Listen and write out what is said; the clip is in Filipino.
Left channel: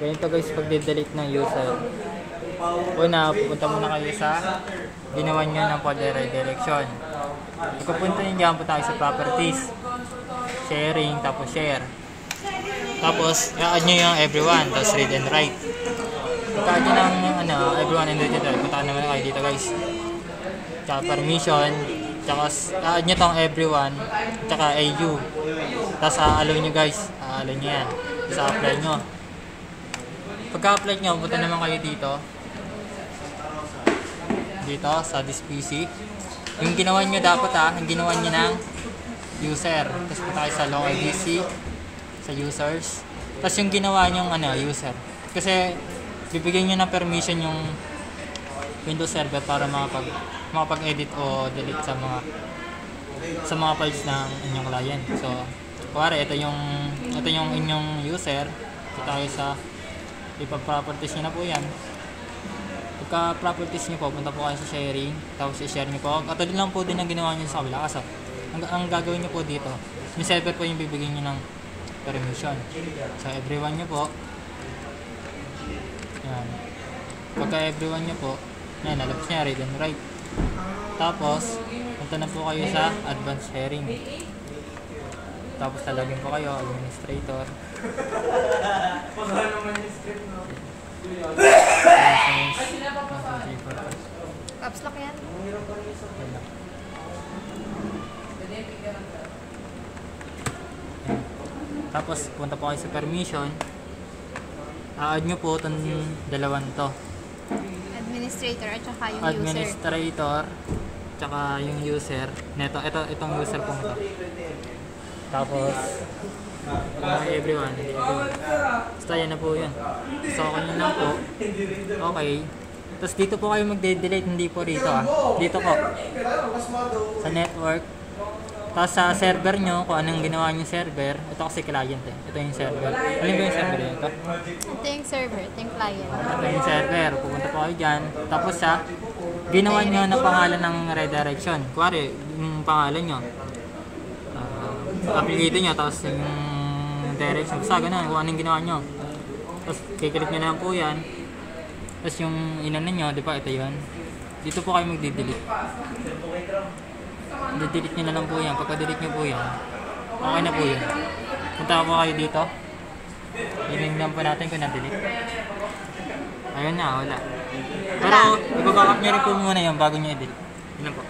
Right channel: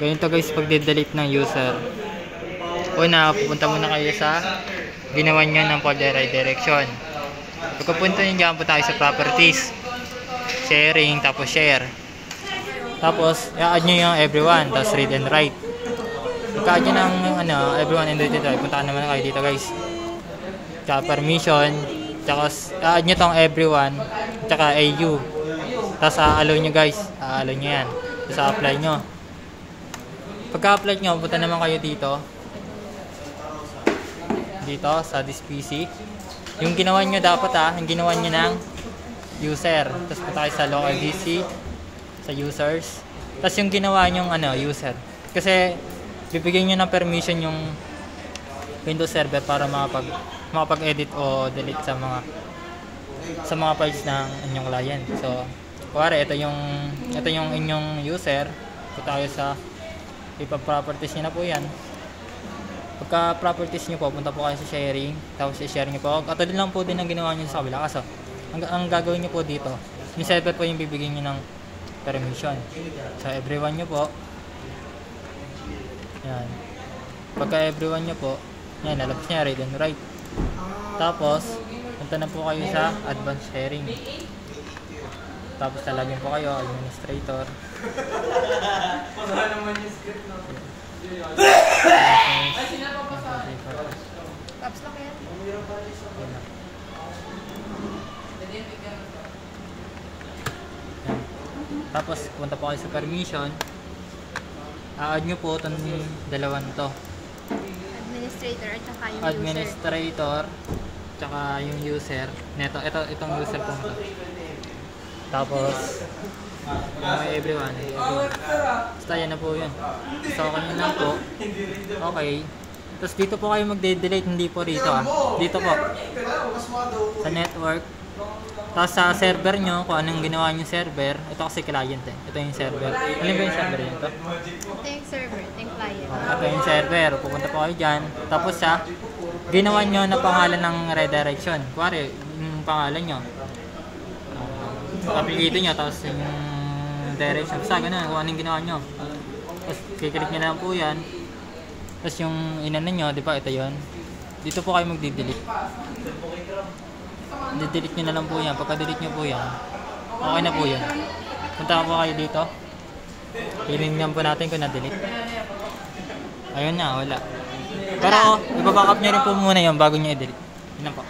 Ganito guys pag delete ng user. Una, pupunta muna kayo sa ginawa nyo ng folder redirection. Pagkapunta nyo dyan, punta tayo sa properties, sharing, tapos share. Tapos, i-add nyo yung everyone, tapos read and write. Pagka-add nyo ng everyone and read and write, punta naman kayo dito guys. Tsaka permission, tsaka i-add nyo tong everyone, tsaka AU. Tapos a-allow nyo guys, a-allow nyo yan. Tapos a-apply nyo. Pagka-apply nyo, punta naman kayo dito sa this PC. Yung ginawa nyo dapat yung ginawa nyo ng user. Tapos punta tayo sa local DC, sa users. Tapos yung ginawa nyo user. Kasi bibigyan nyo ng permission yung Windows Server para makapag-edit o delete sa mga files ng inyong client. So, kuwari ito yung inyong user. Ito tayo sa ipa-properties nyo na po yan. Pagka properties nyo po, punta po kayo sa sharing, tapos i-share nyo po. Katulad lang po din ang ginawa nyo sa kabila. Kaso, ang gagawin nyo po dito, yung server po yung bibigyan nyo ng permission. So, everyone nyo po. Yan. Pagka everyone nyo po, yan, lalabas nyo, read and write. Tapos, punta na po kayo sa advanced sharing. Tapos, talagyan po kayo, administrator. Caps lock yan? Tapos punta po kayo sa permission. A-add nyo po itong dalawan to. Administrator at saka yung Administrator tsaka yung user. Itong user po ito. Tapos may everyone. Basta yan na po yun. So okay nyo lang po. Okay. Tapos dito po kayo magde-delete, hindi po dito Dito po. Sa network. Tapos sa server nyo, kung anong ginawa nyo server. Ito kasi client Ito yung server. Alin ba yung server yun ito? Ito yung server, ito yung client. Ito yung server. Pupunta po kayo dyan. Tapos sa ginawa nyo na pangalan ng redirection. Kuwari, yung pangalan nyo. Apelyido nyo, tapos yung direction. Basta ganun, kung anong ginawa nyo. Tapos kiklik nyo na lang po yan. Tapos yung inano nyo, di ba ito yun. Dito po kayo magdi-delete. Delete nyo na lang po yan. Pagka-delete nyo po yan, okay na po yun. Punta po kayo dito. Hiningnan po natin kung na-delete. Ayun na, wala. Pero ibabackup nyo rin po muna yun bago nyo i-delete. Yun lang po.